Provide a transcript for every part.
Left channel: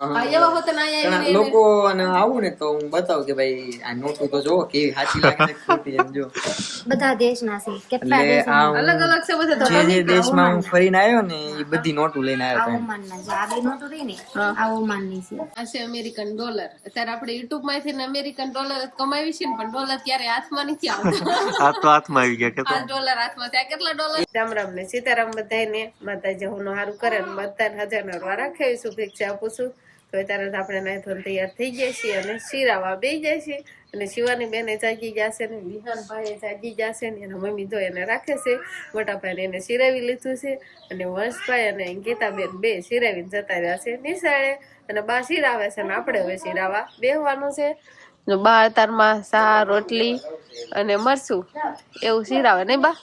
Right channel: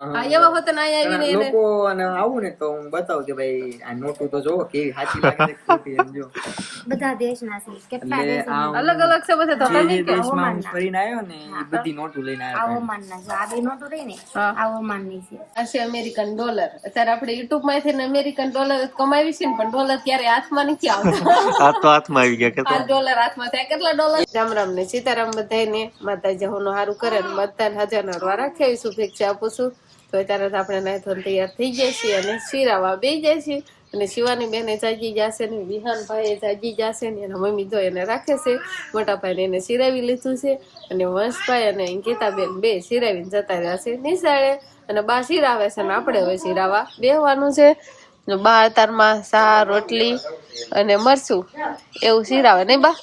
એવા હોત ને અહીંયા આવીને લોકો અને આવું ને તો હું બતાવું કે ભાઈ આ નોટું તો જોવો કેવી સાચી લાગે છે ખોટી એમ જો બધા દેશના છે, કેટલા દેશના અલગ અલગ છે બધા. તો જે દેશમાં હું ફરીને આવ્યો ને એ બધી નોટું લઈને આવ્યો આ ઓમાનના છે, આ બે નોટો રહી ને આ ઓમાનની છે. આ છે અમેરિકન ડોલર. અત્યારે આપણે યુટ્યુબ માંથી અમેરિકન ડોલર કમાવી છે ને, પણ ડોલર ક્યારે હાથમાં નથી આવતો. આ તો હાથમાં આવી ગયા કે આ ડોલર હાથમાં ત્યાં કેટલા ડોલર. રામ રામ ને સીતારામ બધાને. માતાજી હોનું સારું કરે ને બધાને હજાર વાર રાખે શુભેચ્છા આપું છું. તો અત્યારે આપણે નાઈ ધોઈને તૈયાર થઈ જાય છે અને શિરાવા બેસી જાય છે. અને શિવાની બેને જાગી જશે ને વિહાન ભાઈ જાગી જશે ને એના મમ્મી તો એને રાખે છે. મોટા ભાઈને એને શિરાવી લીધું છે અને વંશભાઈ અને ગીતાબેન બે શિરાવીને જતા રહ્યા છે નિશાળે. અને બા શિરાવે છે ને આપણે હવે શિરાવા બેહવાનું છે. બા અતારમાં સા રોટલી અને મરચું એવું શિરાવે નહીં બા.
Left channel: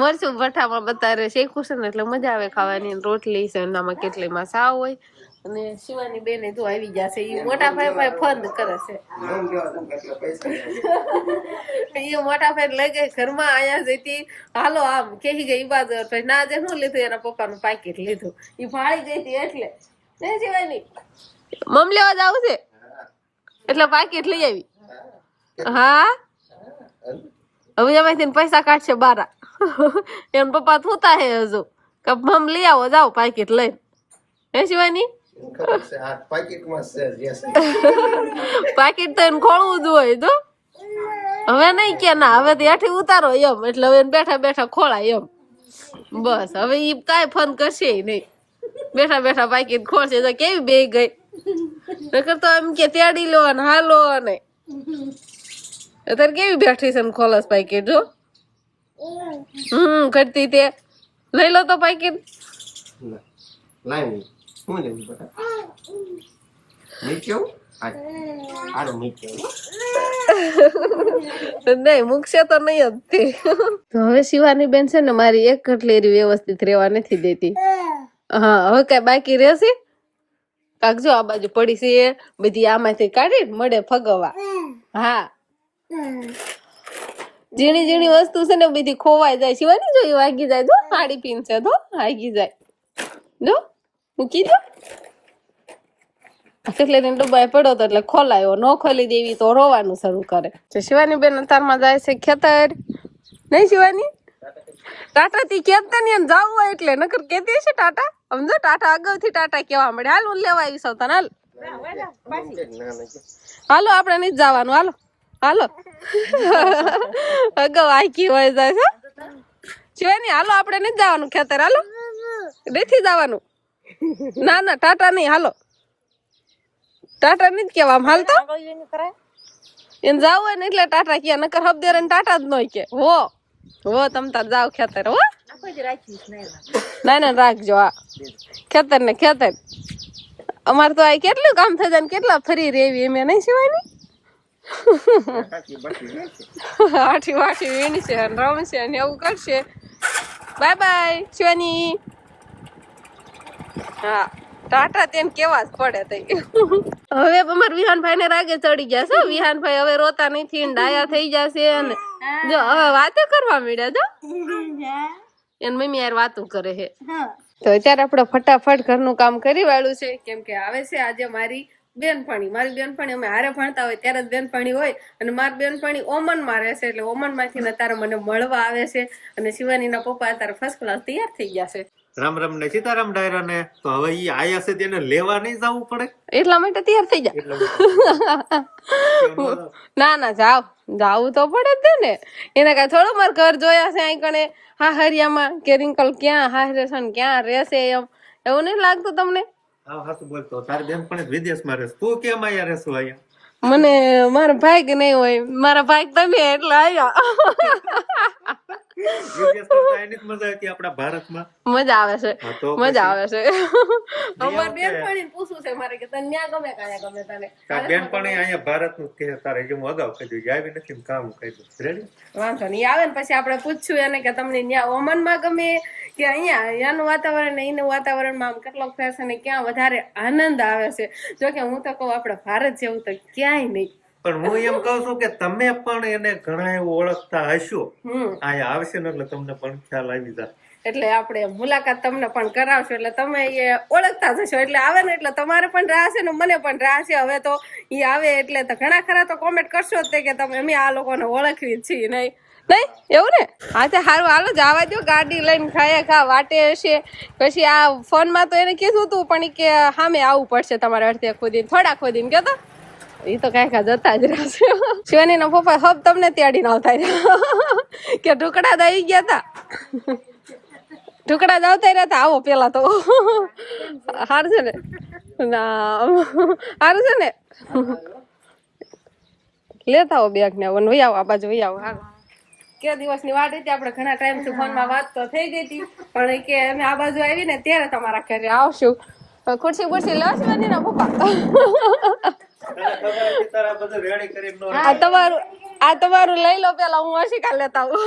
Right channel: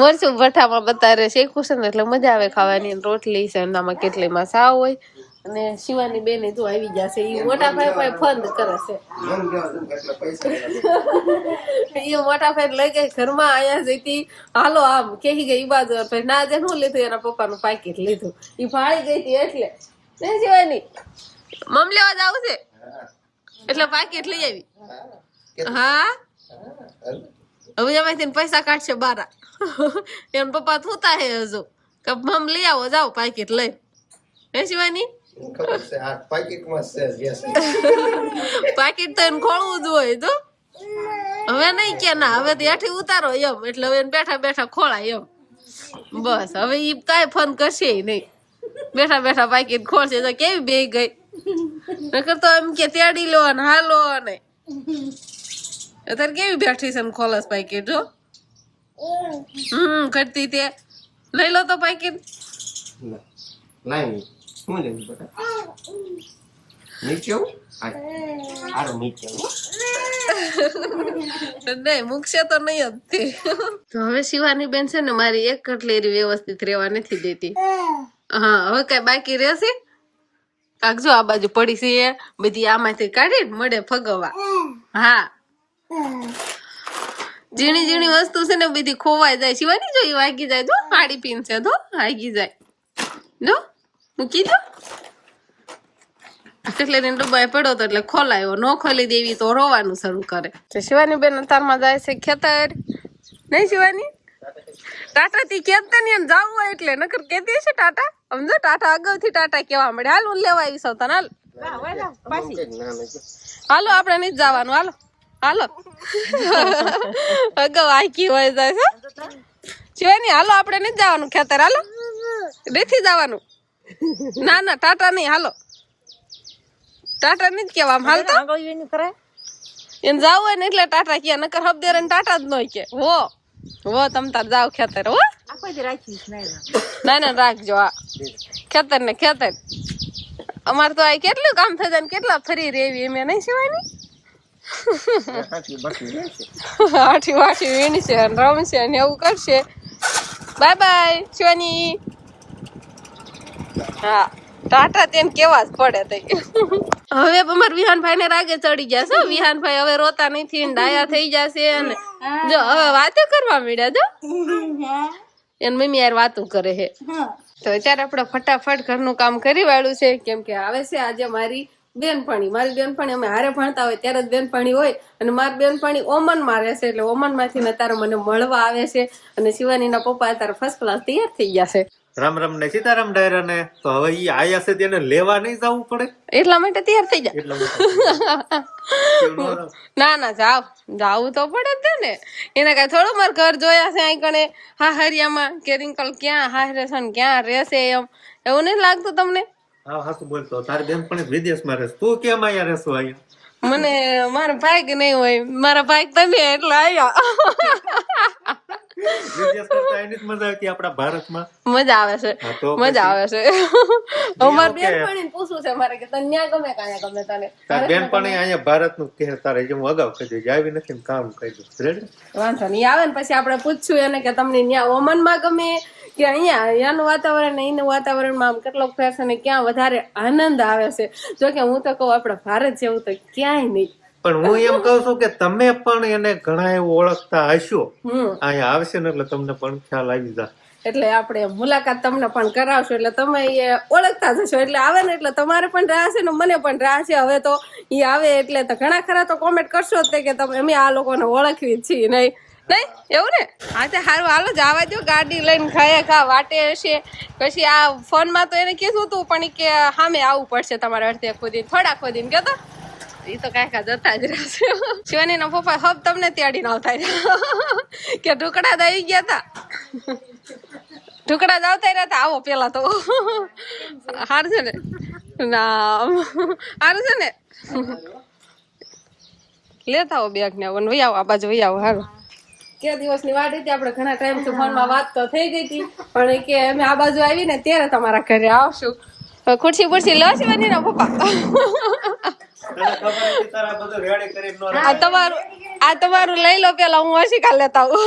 મરચું ભઠ્ઠામાં બતારે શેકું છે ને એટલે મજા આવે ખાવાની. રોટલી છે એનામાં કેટલીમાં સાવ હોય. અને શિવાની બેને તો આવી જશે. એ મોટા ભાઈ ભાઈ ફંદ કરે છે. એ મોટા ભાઈ લઈ ગઈ ઘરમાં આયા જઈતી હાલો આમ કહી ગઈ ઈ બાજુ ભાઈ ના જે શું લીધું એના પપ્પાનું પાકીટ લીધું. ઈ ભાળી ગઈ હતી એટલે નહીં શિવાની મમ લેવા જાવ છે એટલે પાકીટ લઈ આવી. હા હવે એમાંથી પૈસા કાઢશે બારા. એમ પપ્પા થૂતા હે હજુ કે મમ લઈ આવો જાઓ પાકીટ લઈ. હે શિવાની પાકીટ તો એને ખોળવું જ હોય તો હવે નહીં કે ના હવે ત્યાંથી ઉતારો એમ એટલે હવે બેઠા બેઠા ખોળાય એમ. બસ હવે ઈ કાંઈ ફોન કરશે નહીં. બેઠા બેઠા પાકીટ ખોલશે તો કેવી બે ગઈ. નકર તો એમ કે તેડી લો ને હાલો ને અત્યારે કેવી બેઠી છે ને ખોલસ પાકીટ જો. કરતી તે લઈ લો તો પાકીટ. નહીં મૂકશે તો નહીં જ તે. તો હવે શિવાની બેન છે ને મારી એક કટલેરી વ્યવસ્થિત રહેવા નથી દેતી. હા હવે કઈ બાકી રહેશે કાક જો આ બાજુ પડી છે બધી આમાંથી કાઢી મળે ફગવા. હા ઝીણી ઝીણી વસ્તુ છે ને બધી ખોવાઈ જાય. શિવાની જો એ વાગી જાય તો હાડી પીન છે તો વાગી જાય જો મૂકી દો. એટલે ડબ્બા પડ્યો તો એટલે ખોલાયો ન ખોલી દેવી તો રોવાનું શરૂ કરે. શિવાની બેન અત્યારમાં જાય છે ખેતર. નહીં શિવાની ટાટા થી ખેતર ને જવું હોય એટલે નકર કેતી છે ટાટા. સમજો ટાટા અગાઉથી ટાટા કેવા મળે. હાલ હું લેવા આવી સૌ હાલ હાલો આપણે નહીં જવાનું હાલો હાલો. અગાઉ આખી હોય જાય શિવાની હાલો આપણે નહીં જવાનું ખેતર હાલો નથી જવાનું. ના ના ટાટા નહીં હાલો ટાટા નહીં જ કેવા હાલ તો એને જાવ હોય ને એટલે ટાટા કે નકર હબદેર ટાટા જ ન કે હો તમ તાર જાવ ખેતર. હો ના ના રાખજો. હા ખેતર ને ખેતર અમારે તો આ કેટલું કામ થઈ જાય ને કેટલા ફરી રેવી એમ નહીં સિવાય. આઠી વાઠી વીણશે રમશે ને એવું કરશે. Bye bye Shivani. હા ટાટા તેને કેવા જ પડે તઈ. હવે અમાર વિહાનભાઈ ને રાગે ચડી જશે. વિહાનભાઈ હવે રોતા નથી ડાયા થઈ જશે અને જો હવે વાતો કરવા મળ્યા જો એન મમ્મી યાર વાતો કરે છે. તો અત્યારે આપણે ફટાફટ ઘરનું કામ કરી વાળું છે કેમ કે આવે છે આજે મારી બેનપણી અમે હારે ભણતા હોય ત્યારે જ બેનપણી હોય. અને મારી બેનપણી ઓમન માં રહેશે એટલે ઓમન માંથી અત્યારે મને મળવા આવે છે. અને શિવાની ના પપ્પા અત્યારે ફર્સ્ટ ક્લાસ તૈયાર થઈ ગયા છે. રામ રામ ને સીતારામ ડાયરા ને. તો હવે ઈ આયા છે તેને લેવા નહીં જવું પડે એટલા માટે તૈયાર થઈ જાય. ના ના જાવું તો પડે જ ને. એને કઈ થોડું મારે ઘર જોયા છે અહીં કણે હાહરિયામાં કે રિંકલ ક્યાં હારે છે ને ક્યાં રહેશે એમ એવું નહીં લાગતું તમને. હા હાસું બોલતો તારી બેન પણ વિદેશમાં રહેશે તું કેમ આયા રહેશો અહીંયા. મને મારા ભાઈ નહીં હોય મારા ભાઈ તમે એટલે આયા. વિદેશ કરતા એની જ મજા હતી આપણા ભારતમાં. મજા આવે છે મજા આવે છે. અમાર okay. બેનપણીને પૂછવું છે મારે કે તને ન્યા ગમે કાયા ગમે તને. તારી બેનપણી અહીંયા ભારતનું કહે તારે જે હું અગાઉ કહી દઉં આવી નથી ને કામ કહી દઉં રેડી. વાંધો નહીં આવે ને પછી આપણે પૂછ્યું એને કે તમને ન્યા ઓમનમાં ગમે કે અહીંયા અહીંયાનું વાતાવરણ એનું વાતાવરણમાં આમ કેટલોક ફેર છે ને ક્યાં વધારે આનંદ આવે છે. જો કે હું તો કહું આપડે ભારત જેવું તો ક્યાંય નહીં. પણ હું એમ કહું છું કે તમે પણ એને ઘણા એવું ઓળખતા હશો અહીંયા આવશે ને એટલે તમને પણ ખ્યાલ આવી જાય. એટલે આપણે મુલાકાત તમને પણ કરાવશું એટલે તમે એ ઓળખતા જશો એટલે આવે ને એટલે તમારે પણ રાહ છે ને મને પણ રાહ છે હવે તો એ આવે એટલે તો ઘણા ખરા તો કોમેન્ટ કરશો જ તે કે તમે અમે આ લોકોને ઓળખવી જ છીએ નહીં એવું ને હા તો સારું હાલો જવા દો ગાડી લઈને ખાયા ખા વાટે હશે પછી આ ફોનમાં તો એને કીધું હતું પણ ઈ કે સામે આવવું પડશે તમારે અડધે ખોદીને થોડા ખોદીને કહેતો એ તો કઈ જતા જ રહેશે શિવાની ના પપ્પા હબ તમને ત્યાડી ના થાય કે ઢુકડા દઈ ગયા હતા ઢુકડા દવતા રહ્યા આવો પેલા તો સારું છે ને ના સારું છે ને લેતા આવો બેગ ને વહી આવો આ બાજુ વહી આવો સારું કે દિવસની વાત હતી આપણે ઘણા ટાઈમ થી ફોનમાં વાત તો થઈ ગઈ હતી પણ કે અમે આ બાજુ આવી ને ત્યારે તમારા ઘરે આવશું ખુરશી બુરશી લો શિવાની ના પપ્પા આ તમારું લઈ લો પેલા હું અશિકા લેતા આવું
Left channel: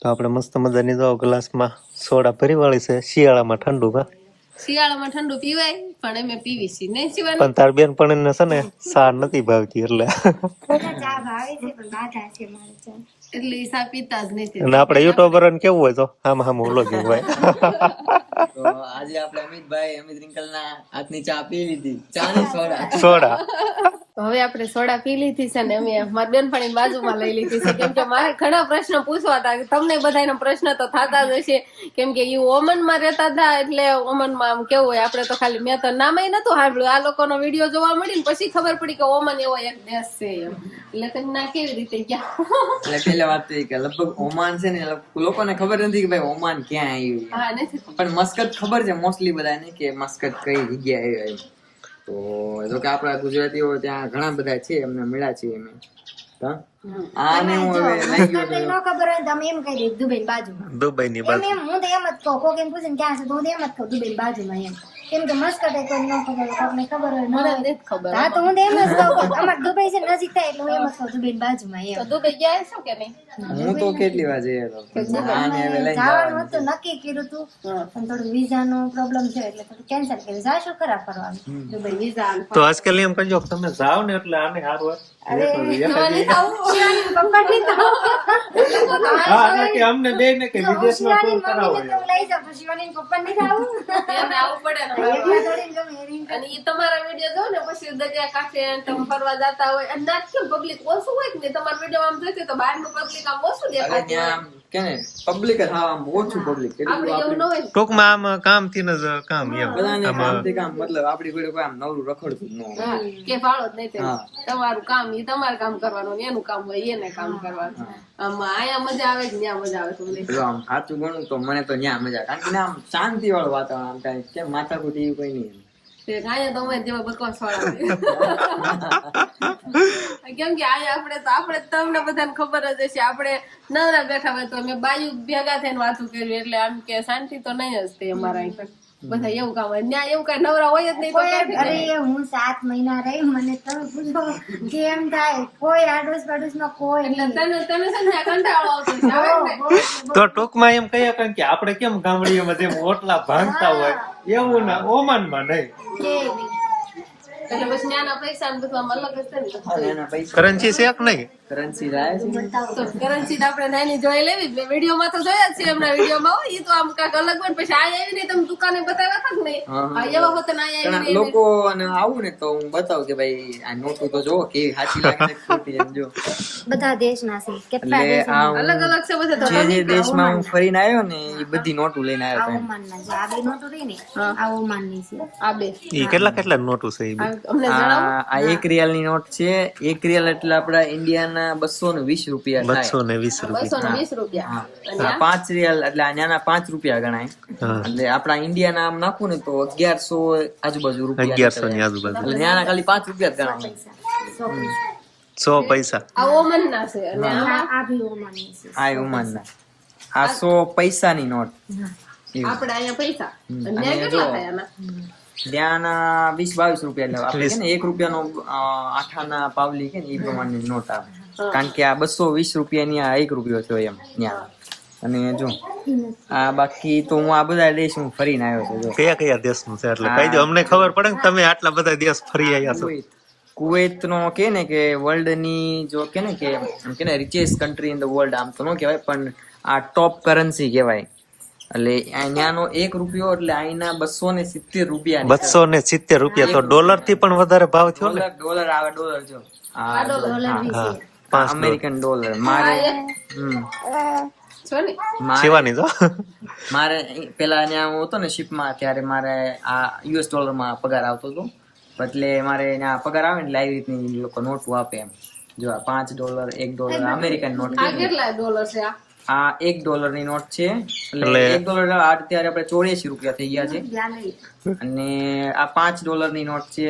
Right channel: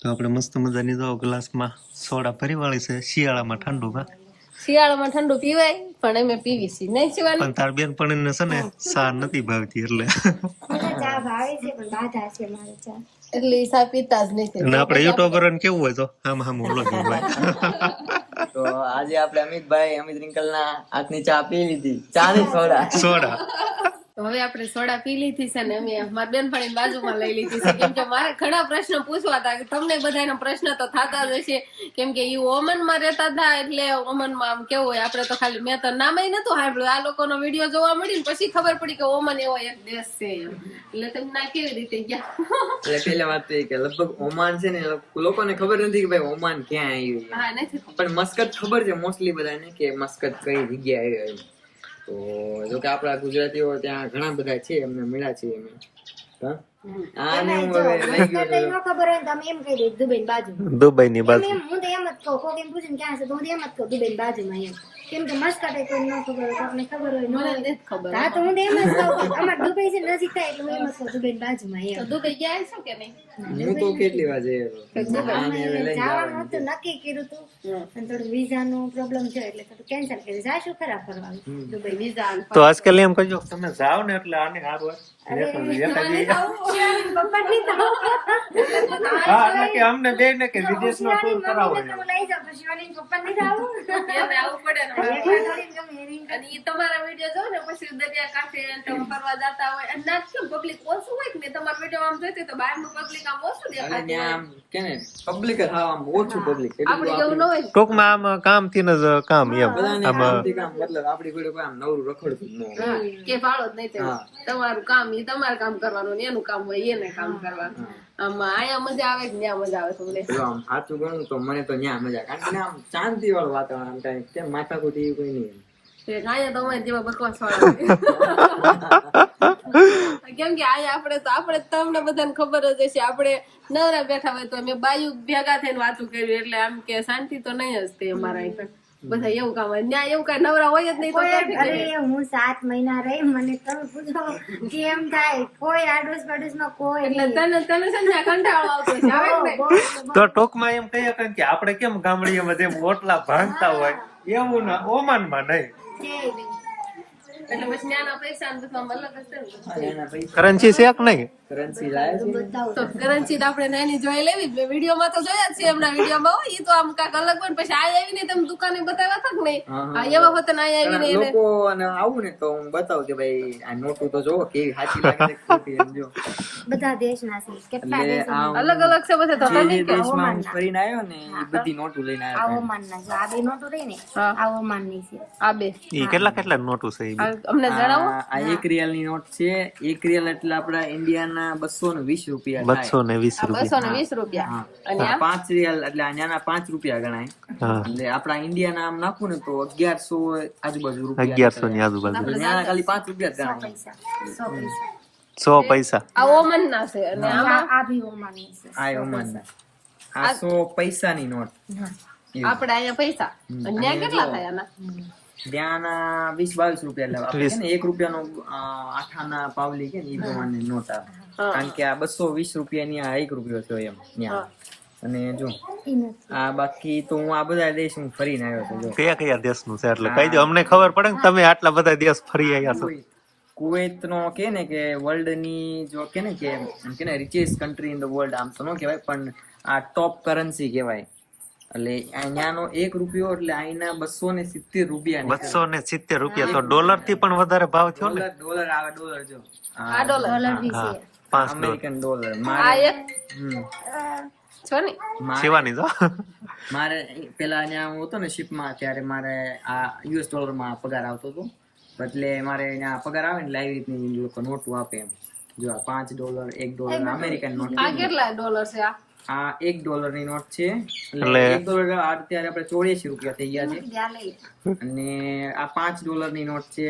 તો આપણે મસ્ત મજાની જો ગ્લાસમાં સોડા ભરી વાળી છે શિયાળામાં ઠંડુ માં શિયાળામાં ઠંડુ પીવાય પણ અમે પીવી છીએ નહીં શિવાની પણ તાર બેન પણ છે ને સા નથી ભાવતી એટલે ચા ભાવે છે પણ બાધા છે મારે ચા એટલે ઈ સા પીતા જ નથી અને આપણે યુટ્યુબર કેવું હોય તો આમ ઓલો જ ભાઈ તો આજે આપણે અમિત રિંકલ ના હાથની ચા પી લીધી ચા ની સોડા હવે આપણે સોડા પી લીધી છે ને અમે મારી બેનપણી બાજુમાં લઈ લીધી છે કેમ કે મારે ઘણા પ્રશ્ન પૂછવા હતા કે તમને બધાના પ્રશ્ન તો થતા જ હશે કેમ કે એ ઓમનમાં રહેતા હતા એટલે ઓમનમાં આમ કેવું હોય આપણે તો ખાલી મેં તો નામે નતું સાંભળ્યું આ લોકોનો વિડીયો જોવા મળી ને પછી ખબર પડી કે ઓમન એવો એક દેશ છે એમ એટલે તમે ના કેવી રીતે ગયા પેલી વાત તો કે લગભગ ઓમાન છે ને લોકોને ખબર નથી કે ભાઈ ઓમાન ક્યાં આવ્યું હા નથી પણ મસ્કત ખબર છે મોસ્ટલી બધાને કે મસ્કત કઈ જગ્યાએ આવ્યું એમ તો જો કે આપણા ગુજરાતીઓ ત્યાં ઘણા બધા છે એમને મળ્યા છે એમ નો ખબર હોય તમે એમ કહી દે દુબઈ બાજુ દુબઈ ની બાજુ હું તો એમ જ કહું કોક એમ પૂછે ક્યાં છે તો હું એમ જ કહું દુબઈ બાજુમાં એમ કેમ કે મસ્કટ કોઈ ન ખબર હોય કોકને ખબર હોય મને નથી ખબર હા તો હું તો એમ જ કહું અમાર દુબઈ છે નજીક થાય એટલે હું એમ જ કહું દુબઈ બાજુમાં એમ તો દુબઈ ગયા છો કે નહીં હું તો કેટલી વાર જવાનું હતું નક્કી કર્યું હતું પણ થોડું વિઝા નો પ્રોબ્લેમ છે એટલે થોડું કેન્સલ કર્યું જાશું ખરા ફરવા દુબઈ વિઝા તો આજકાલ એમ કહ્યું કે તમે જાઓ ને એટલે આને સારું હા એટલે કે અમને બે ને કે વિદેશમાં ટૂર કરાવો લઈ જાવ તો શિવાની પપ્પા નહીં આવું એને આવું પડે ને અને ઈ તમારા વિડીયો જો ને પછી દરિયા કાંઠે તમે ફરવા જતા હોય અને ના કેમ પબ્લિક ઓછું હોય કે તમારા વિડીયો આમ જોઈતી તો બહારનું પબ્લિક આમ ઓછું દેખાતું હોય કે ને પબ્લિક ઓછું પબ્લિક આપણે એવું ન હોય ટૂંકમાં આમ કામ થી જ કામ એમ બધાને કામથી કામ મતલબ આપડી કોઈ કોઈ આમ નવરું રખડતું જ ન હોય કે ફાળો જ નહીં તેમાં તમારું કામ ઈ તમારે કામ કરવાનું ને એનું કામ હોય એને કામ કરવાનું આમ આયા મજા આવે કે ત્યાં મજા આવે તમને જો આમ સાચું ગણું તો મને તો ન્યા મજા કારણ કે આમ શાંતિ વાળું વાતાવરણ આમ કાંઈ કેમ માથાકૂટ એવું કઈ નહીં આયા તમારે જેવા બકવાસ વાળા કેમ કે આયા આપણે તમને બધાને ખબર જ હશે આપણે નવરા બેઠા હોય તો અમે બાયુ ભેગા થઈને વાતું કર્યું એટલે આમ કે શાંતિ તો નહીં જ તે અમારા અહીં બધા એવું કામ હોય ત્યાં એવું કઈ નવરા હોય જ નહીં તો અરે હું 7 મહિના રહી મને તમે પૂછો કેમ થાય કોઈ આડોશ પાડોશ માં કોઈ એટલે તને છે ને કંટાળો આવતો છે આવે ને તો ટૂંકમાં એમ કહીએ કે આપણે કેમ ગામડીઓમાં જેમ ઓટલા ભાંગતા હોય એવું ના ઓમાનમાં નહીં એટલે પછી નાના પૈસા ને બધું અલગ હશે ને કરન્સી છે કે નહીં કરન્સી જાય છે કરન્સી આપણે નાની જોઈ લેવી વિડીયો માં તો જોયા જ છે એમના વિડીયો માં હોય ઈ તો આમ કાક અલગ હોય પછી આ આવી નહીં તમે દુકાને બતાવ્યા હતા કે નહીં આ એવા વખતે ના આવી નહીં લોકો અને આવું ને તો હું બતાવું કે ભાઈ આ નોટું તો જો કેવી સાચી લાગે છે ખોટી એમ જો બધા દેશના છે કેટલા દેશ અલગ અલગ છે બધા તો જે દેશમાં હું ફરીને આવ્યો ને એ બધી નોટું લઈને આવ્યો આ ઓમાન ના જે આ બે નોટો રહી ને આ ઓમાન ની છે આ બે ઈ કેટલા નોટું છે ઈ અમને જણાવો આ 1 રિયાલ ની નોટ છે 1 રિયાલ એટલે આપડા ઇન્ડિયાના 220 રૂપિયા થાય 220 રૂપિયા અને 5 રિયાલ એટલે આના 5 રૂપિયા ગણાય એટલે આપડા ઇન્ડિયાના આમ નાખું ને તો 1100 આજુબાજુ રૂપિયા 1100 ની આજુબાજુ એટલે આના ખાલી 5 રૂપિયા જ ગણાય 100 પૈસા આ ઓમન ના છે અને આ ભી ઓમાન ની છે આ ઓમાન આ 100 પૈસાની નોટ આપણે અહીંયા પૈસા અને ત્યાં કેટલા થાય આના ત્યાંના 20-22 રૂપિયા એટલે આપણે ને 1 રૂપિયાનો આઠાના પાવલી કે ને એ પ્રમાણની નોટ આવે કારણ કે આ 220 રૂપિયાની આ 1 રૂપિયો છે એમ ત્યાં અને જો આ બાકી તો હું આ બધા દેશ હું ફરીને આવ્યો છું કયા દેશનું છે એટલે કઈ દો અમને ખબર પડે ને તમે આટલા બધા દેશ ફરી આવ્યા છો કુવૈત નો કે ને કે વર્લ્ડ ની જો કે ને richest country in the world આમ તો ન કહેવાય પણ આ ટોપ કરન્સી કહેવાય એટલે અહીંયાનો 1 રૂપિયો એટલે અહીંના 270 રૂપિયા 270 રૂપિયા તો ડોલર થી પણ વધારે ભાવ થયો ને. ડોલર આવે ડોલર જો આ ડોલર હા 5 અમેરિકન ડોલર આ મારે એક હમ. છો ને શિવાની જો મારે પેલા અહીંયા હું હતો ને શિપમાં ત્યારે મારે આ US ડોલરમાં પગાર આવતો હતો એટલે મારે અહીંયા પગાર આવે ને એટલે આવી રીતની લોકો નોટો આપે એમ જો આ $5 $1 અમેરિકન નોટ આ કેટલા ડોલર છે આ $1 ની નોટ છે એટલે $1 અત્યારે આપણે 84 રૂપિયા થઈ ગયા છે અને આ $5 ની નોટ છે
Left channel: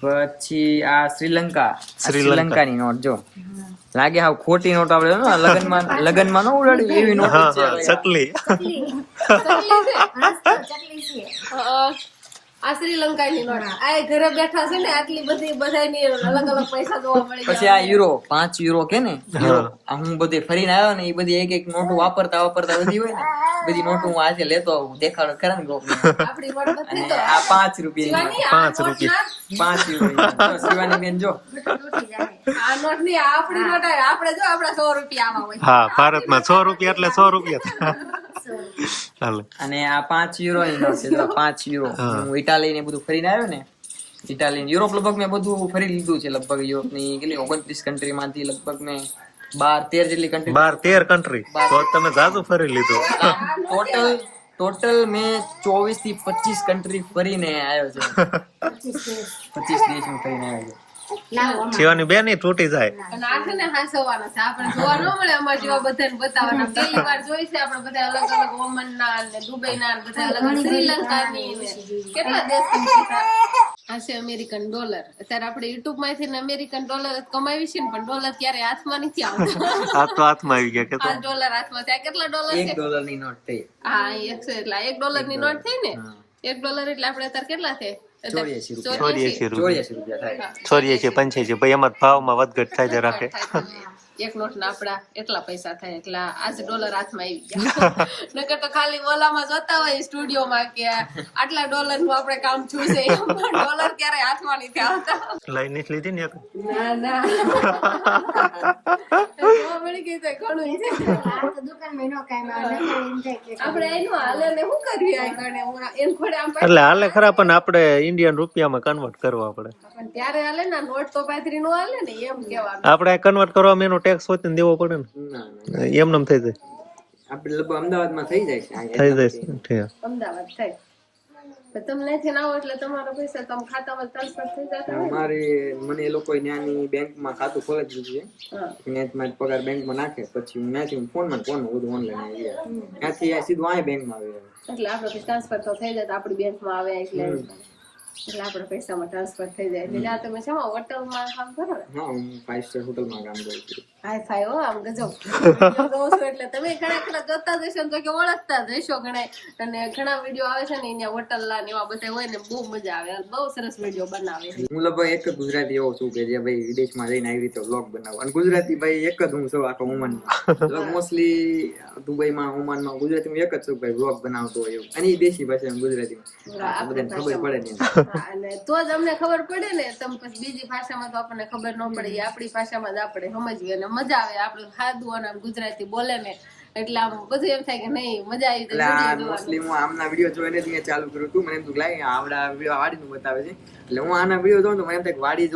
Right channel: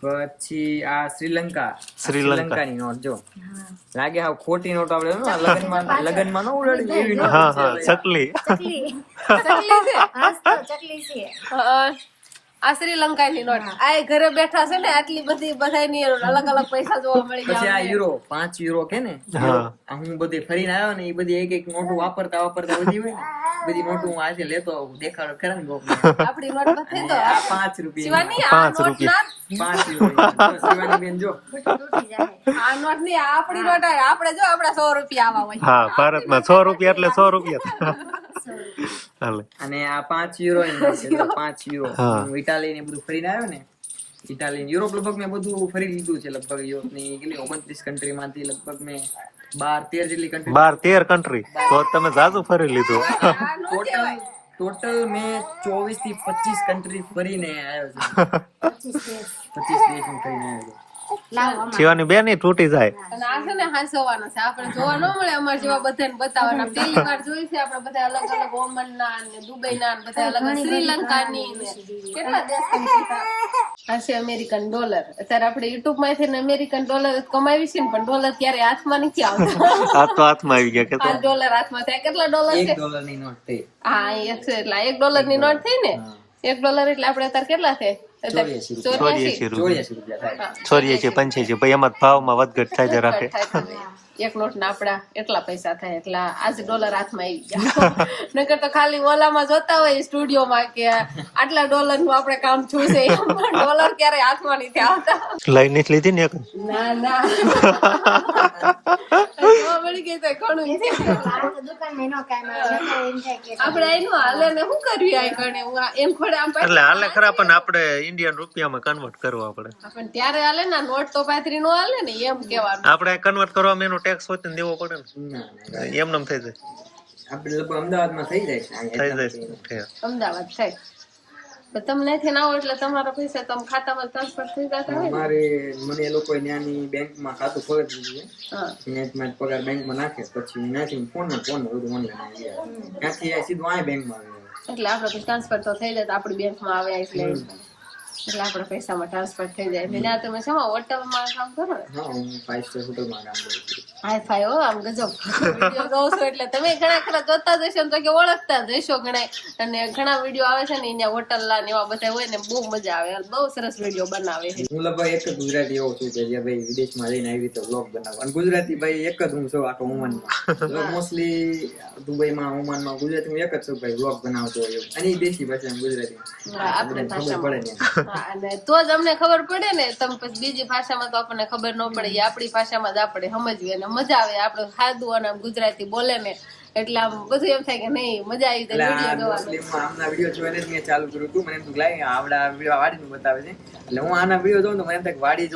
પછી આ શ્રીલંકાની નોટ જો લાગે હાવ ખોટી નોટ આપણે લગનમાં ન ઉડાડી એવી નોટ હા હા ચકલી ચકલી છે આ શ્રીલંકાની નોટ આ ઘરે બેઠા છે ને આટલી બધી બધાની અલગ અલગ પૈસા જોવા મળી પછી આ યુરો $5 કે ને આ હું બધે ફરીને આવ્યો ને એ બધી એક નોટો વાપરતા બધી હોય ને બધી નોટો હું આજે લેતો આવું દેખાડો ખરા ને આપણી નોટ બધી તો આ $5 €5 $5 શિવાની બેન જો તૂટી જાય આ નોટ ની આપણી નોટ આવે આપણે જો આપડા 100 રૂપિયા આવા હોય હા ભારતમાં 100 રૂપિયા એટલે 100 રૂપિયા હાલે અને આ €5 ની નોટ છે જો €5 હું ઇટાલી ને બધું ફરીને આવ્યો ને ઇટાલી યુરોપ લગભગ મેં બધું ફરી લીધું છે લગભગ યુરોપ ની કેટલી 29 કન્ટ્રી માંથી લગભગ મેં 12-13 જેટલી કન્ટ્રી 12-13 કન્ટ્રી તો તમે જાજુ ફરી લીધું ટોટલ મેં 24 થી 25 કન્ટ્રી ફરીને આવ્યો છે 25 દેશ માં ફરીને આવ્યો છે લાવો અમાર શિવાની બેન ઈ તૂટી જાય અને આ છે ને હાંસવાના છે આપણે જોવા ન મળે અમાર જેવા બધાને બતાવવાના પહેલી વાર જોઈ છે આપણે બધા અલગ અલગ ઓમન ના ને દુબઈ ના બધા અલગ શ્રીલંકાની ને કેટલા દેશ આ છે અમેરિકન ડોલર અત્યારે આપણે યુટ્યુબ માંથી ને અમેરિકન ડોલર કમાવી છે ને પણ ડોલર ક્યારે હાથમાં નથી આવતા આ તો હાથમાં આવી ગયા કે તો $5 હાથમાં ત્યાં કેટલા ડોલર છે $1 ની નોટ થઈ હા એક છે એટલે $1 ની નોટ થઈ ને $1 એટલે આપણે અત્યારે કેટલા થાય 84 રૂપિયા થાય 85 ભાઈ એમાં ભાવમાં વધઘટ થાય રાખે એક નોટ ના આપડા એટલા પૈસા થાય એટલે આજ ડોલર હાથમાં આવી ગયા નકર તો ખાલી ઓલામાં જોતા હોય સ્ટુડિયોમાં કે આટલા ડોલર નું આપણે કામ છું છે ડોલર ક્યારે હાથમાં નથી આવતા લઈ નથી લીધી ને એક ના ના જોવા મળી ગઈ તો ઘણું છે આ તો દુકાનમાં નો કાઈ માં એમ થાય કે આપણે એનું હાલે ને શું કરવી આ ગણે એમ ખોડે આમ એટલે હાલે ખરા પણ આપણે ઇન્ડિયન રૂપિયામાં કન્વર્ટ કરવા પડે પણ ત્યારે હાલે ને નોટ તો 35 નો હાલે ને એમ કેવાનું આપણે કન્વર્ટ કરવામાં એનો ટેક્સ હોય ને દેવો પડે ને એમ નમ થઈ જાય આપણે લગભગ અમદાવાદમાં થઈ જાય થઈ જાય અમદાવાદ થાય તો તમને થી ના હોય એટલે તમારો પૈસા તમે ખાતામાં ટ્રાન્સફર થઈ જતા હોય અમારે મને એ લોકો ત્યાંની બેંકમાં ખાતું ખોલી દીધું હા છે ત્યાંથી પગાર બેંકમાં નાખે પછી હું ત્યાંથી ફોન બધું ઓનલાઈન આવી જાય ત્યાંથી આ સીધું આ બેંકમાં આવી જાય એટલે આપણે ટ્રાન્સફર તો થઈ જાય તો આપણી બેંકમાં આવે એટલે આપણા પૈસામાં ટ્રાન્સફર થઈ જાય એટલે ત્યાં તમે શું હોટલમાં કામ કરો ને હા હું 5 સ્ટાર હોટલમાં કામ કરું છું હાય ફાય હો આમ ગજબ વિડીયો જોશો એટલે તમે ઘણા ખરા જોતા જશો ને તો કે ઓળખતા જશો ઘણા અને ઘણા વિડીયો આવે છે ને અહીંયા હોટલના ને એવા બધા હોય ને બહુ મજા આવે બહુ સરસ વિડીયો બનાવે છે હું લગભગ એક જ ગુજરાતી એવો છું કે જે ભાઈ વિદેશમાં જઈને આવી રીતે વ્લોગ બનાવો અને ગુજરાતી ભાઈ એક જ હું છું આખો ઓમાનમાં મોસ્ટલી દુબઈમાં ઓમાનમાં ગુજરાતી હું એક જ છું ભાઈ વ્લોગ બનાવતો હોય એવું અને દેશી ભાષામાં ગુજરાતીમાં બધાને ખબર પડે ને અને તો જ અમને ખબર પડે ને તમે પછી બીજી ભાષામાં તો આપણને ખબર ન પડે એ આપણી ભાષામાં જ આપણે સમજીએ અને મજા આવે આપણે સાદું અને ગુજરાતી બોલે ને એટલે આમ બધું એમ થાય કે નહીં મજા આવી જાય વિડીયો જોવાની મોસ્ટલી હું આમના વિડીયો જોઈને જ મેં ચાલુ કર્યું હતું મને એમ થયું લાય આવડા વિડીયો વાડીનું બતાવે છે એટલે હું આના વિડીયો જોઉં તો મને એમ થાય વાડી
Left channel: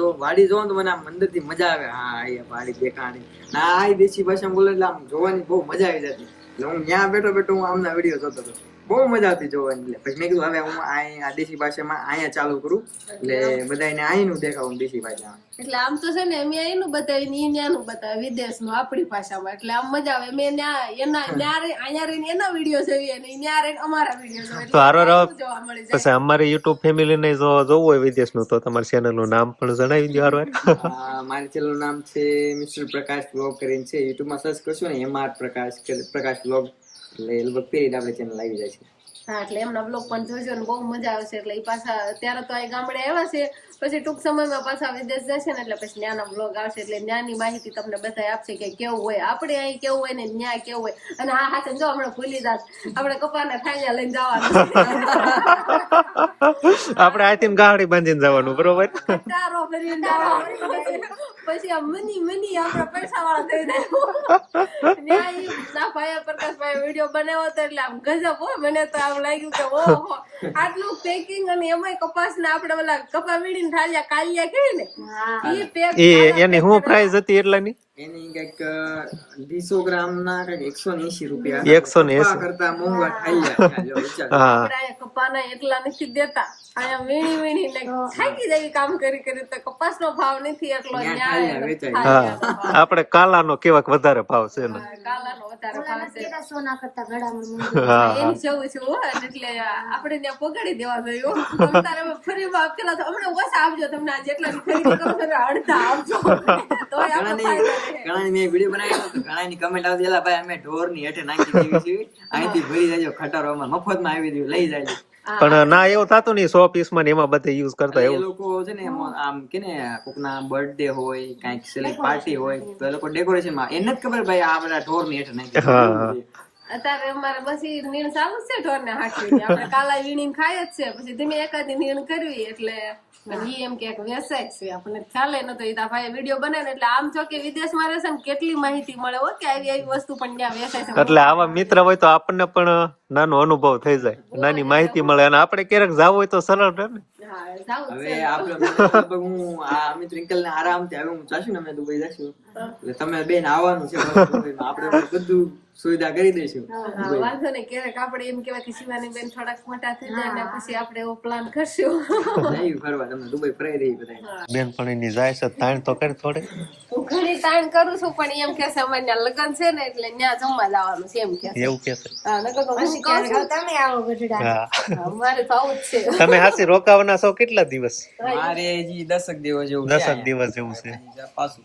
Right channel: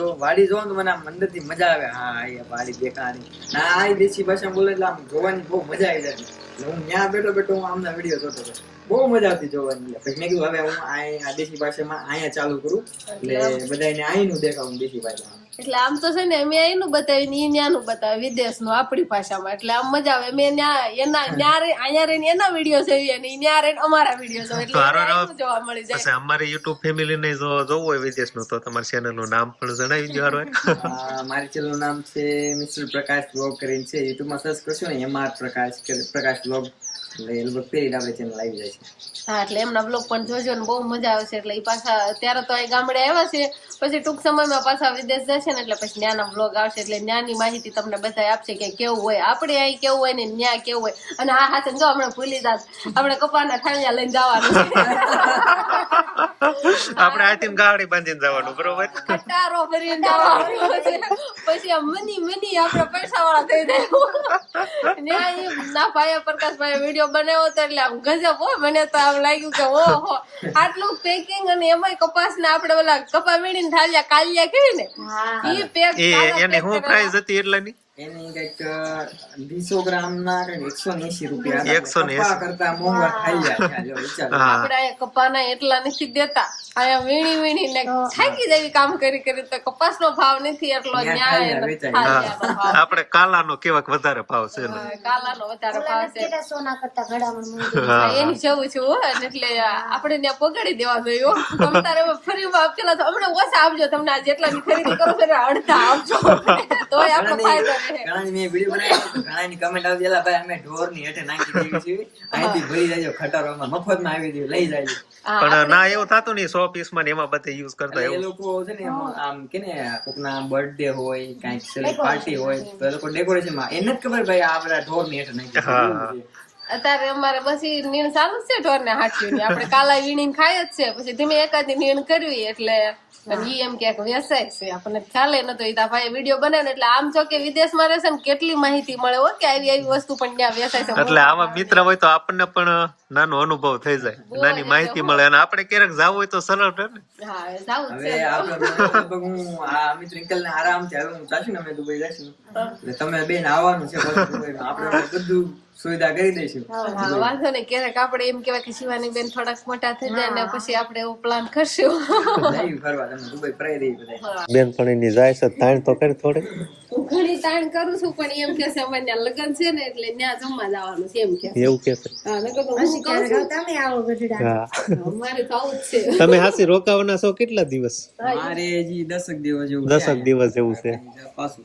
જોઉં તો મને આમ અંદરથી મજા આવે હા એ વાડી દેખાણી ના આ દેશી ભાષામાં બોલે એટલે આમ જોવાની બહુ મજા આવી જતી એટલે હું ત્યાં બેઠો હું આમના વિડીયો જોતો હતો બહુ મજા આવતી જોવાની પછી મેં કીધું હવે હું આ દેશી ભાષામાં અહીંયા ચાલુ કરું એટલે બધાને અહીંનું દેખાવું દેશી ભાષામાં એટલે આમ તો છે ને મેં એનું બતાવ્યું ને ત્યાંનું બતાવ્યું વિદેશનું આપણી ભાષામાં એટલે આમ મજા આવે મેં અહીંયા રહીને એના વિડીયો જોઈએ અને ત્યાં રહીને અમારા વિડીયો જોઈએ એટલે જોવા મળી જાય પછી અમારી યુટ્યુબ ફેમિલી ને જો જોવું હોય વિદેશનું તો તમારા ચેનલ નું નામ પણ જણાવી દો મારી ચેનલ નું નામ છે મિસ્ટર પ્રકાશ બ્લોગ કરીને છે યુટ્યુબમાં સર્ચ કરશો ને MR પ્રકાશ બ્લોગ એટલે લગભગ પેલી આપણે ચેનલ આવી જાય છે હા એટલે એમના બ્લોગ પણ જોજો ને બહુ મજા આવશે એટલે એ પાછા ત્યારે તો અહીં ગામડે આવ્યા છે પછી ટૂંક સમયમાં પાછા વિદેશ જશે ને એટલે પછી ત્યાંના બ્લોગ આવશે એટલે ત્યાંની માહિતી તમને બધા આપશે કે કેવું હોય આપણે અહીં કેવું હોય ને ત્યાં કેવું હોય અને હા હા જો હમણાં ભૂલી જાત આપણે કપાના ઠાણિયા લઈને જવાનું આપણે આથી ગાડી બાંધીને જવાનું બરોબર કટારો ભરીને જવાનું પછી આ મની આપણે પૈસા વાળા થઈ જાય ના ભાઈ પ્રકાશભાઈ વિડીયો વિડીયો બનાવ્યો હતો એટલે આમ ગજબ હો, મને તો આમ લાગ્યું કે ઓહો આટલું પેકિંગ, અને એમાંય કપાસ ને આપણે ઓલા કપા વીણીને થાળિયા કાલિયા કહે ને ઈ પેક એની શું પ્રાઇસ હતી એટલાની? એની કઈક 200 ગ્રામ ના કઈક 180 રૂપિયા. 180. કપા કરતા મોંઘા ખાઈ જાય જો વિચાર. આપણે કપાના એટલા નથી દેતા, અહીંયા વીણીને થાકી જાય કામ કરી કરી, તો કપાસનો ભાવ નથી એટલો, આપણે કાલાનો કેવાક વધારે ભાવ છે ને, કાલાનો વધારે ભાવ છે સોના કરતા ઘડામાં એની જેવું છે હો, એટલે આપણે ત્યાં પગાડી દેવા જોઈએ. તમે તારે ફરી આપેલા તો હમણાં ઓછા આપજો, તમને આ જેટલાની ખરીદી કરો છો અડધા આપજો, તોય આપણો ફાયદો રહે. ઘણાની મેં વિડીયો બનાવ્યો તો ઘણાની કમેન્ટ આવતી એલા ભાઈ અમે ઢોરની હેઠે નાખી દેવી છે, અહીંથી ભરી જાજો ખટારોમાં, મફતમાં આવી દઉં લઈ જાજો. પણ ના એવું થતું નહીં 100 પીસ માં એમાં બધે યુઝ કરતા એ એવું. લોકો છે ને આમ કે ને કોકના બર્થડે હોય કઈક સેલિબ્રેટ પાર્ટી હોય તો એ લોકો ડેકોરેશન માં એને જ ખબર ભાઈ આ બધા ઢોરની હેઠે નાખી દેવી. અત્યારે અમારે પછી નીણ ચાલુ જ છે ઢોર ને હાચવી, આપણે કાલા વીણીને ખાય જ છે, પછી ધીમે એકાદી નીણ કરવી એટલે ઈ એમ કે વ્યવસાય છે, આપણને ખ્યાલ નતો. ઈ ભાઈ વિડીયો બનાવે એટલે આમ જો કે વિદેશમાં રહેશે ને કેટલી માહિતી મળે હો કે આવી આવી વસ્તુ પણ ત્યાં વ્યવસાય છે. એટલે આવા મિત્ર હોય તો આપણને પણ નાનો અનુભવ થઈ જાય, નાની માહિતી મળે, અને આપણે ક્યારેક જાવ હોય તો સરળ રહે ને. હા સારું હવે આપણે લગભગ હું આ અમિત રિંકલ ને આરામથી હવે હું ચાશું ને અમે દુબઈ જશું એટલે તમે બેન આવવાનું છે, આપણે બધું સુવિધા કરી દઈશું. વાંધો નહીં, ક્યારેક આપણે એમ કેવાય કે શિવાની બેન થોડાક મોટા થઈ જાય ને પછી આપણે એવો પ્લાન કરશું. જઈ ફરવા તમે દુબઈ ફરાઈ દઈ બધા. બેનપણીની જાય છે તાણ તો કરી થોડી. હું ઘણી તાણ કરું છું પણ એમ કે છે અમારે ત્યાં લગ્ન છે ને એટલે ત્યાં જમવા જવાનું છે એમ કે. એવું કે છે? હા નકર તો હું કહું છું, તમે આવો ગઢડા. હા, મારે તો આવું જ છે. તમે હાસી રોકાવાના છો કેટલા દિવસ? મારે હજી 10 દિવસ જેવું 10 દિવસ જેવું છે પાછું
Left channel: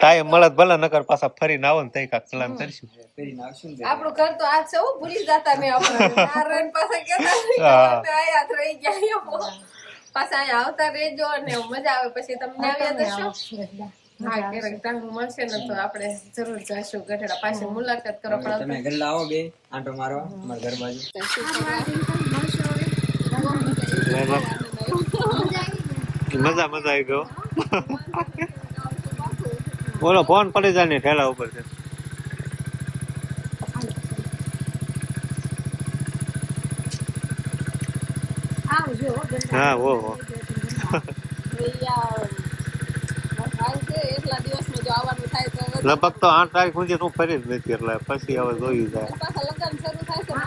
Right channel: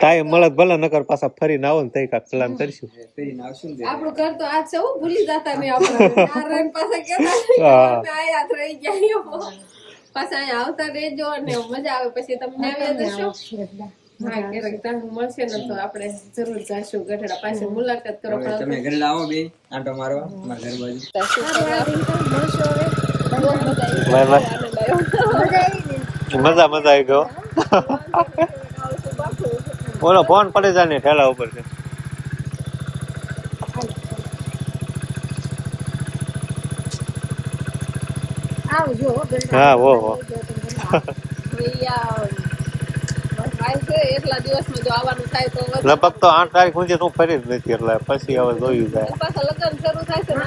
કાંઈ મળત ભલે, નકર પાછા ફરીને આવો ને તઈ કાંઈક પ્લાન કરીશું. ફરીને આવશું ને આપણું ઘર તો આજ છે હું ભૂલી જતા ને આપણે નારાયણ પાસે કેતા આયા રહી ગયા, પાછા અહીંયા આવતા રહેજો અને મજા આવે પછી તમને આવ્યા જશો. હા ક્યારેક ટાઈમ મળશે ને તો આપણે જરૂર જઈશું ગઢડા, પાછી મુલાકાત કરો. હવે તમે ઘરે આવો બે આંટો મારવા અમારા ઘરમાં જ. Bye bye. મજા આવી ગયો. બોલો ફોન પડી જાય ને ઠેલા ઉપર છે. આવજો હા હો એટલા દિવસમાં જો આવવાનું થાય તો લગભગ તો 8 તારીખ સુધી હું ફરી જ નથી, એટલે પછી હવે જોયું જાય. પાછા લગ્ન શરૂ થાય છે ને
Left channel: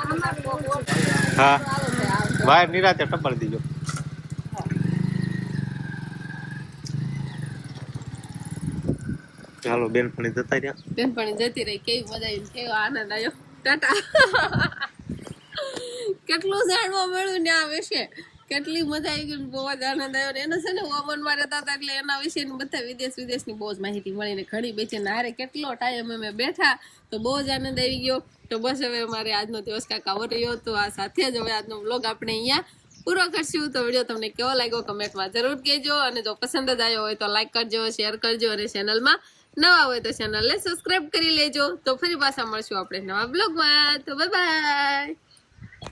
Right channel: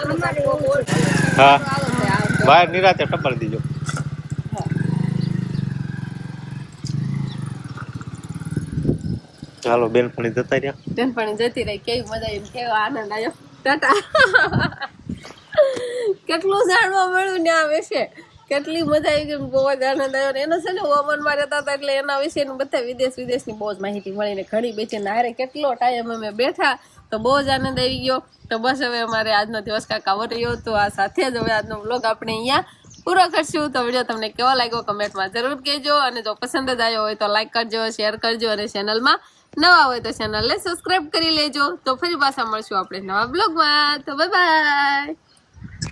હા બહાર નિરાતે ટપર દીજો. ચાલો બેનપણી જતા રહ્યા. બેનપણી જતી રહી, કેવી મજા આવી, કેવો આનંદ આવ્યો. ટાટા. કેટલું જાણવા મળ્યું ને આ વિશે, કેટલી મજા આવી ગઈ, બહુ જ આનંદ આવ્યો. એનો છે ને ઓમનમાં રહેતા હતા એટલે એના વિશે બધા વિદેશની બહુ જ માહિતી મળી ને ઘણી બેચી નારે કેટલો ટાઈમ અમે બેઠા તો બહુ જ આનંદ આવી ગયો. તો બસ હવે અમારે આજનો દિવસ કાંક આવો રહ્યો, તો આ સાથે જ હવે આજનો વ્લોગ આપણે અહીંયા પૂરો કરશું. તો વિડીયો તમને કેવો લાગ્યો કમેન્ટમાં જરૂર કહેજો, અને જો પસંદ જ આવ્યો હોય તો લાઈક કરજો, શેર કરજો, અને ચેનલમાં નવા હોય તો ચેનલને સબસ્ક્રાઇબ કરી લેજો. તો ફરી પાછા મળશું આપણે નવા બ્લોગમાં. તો બાય બાય.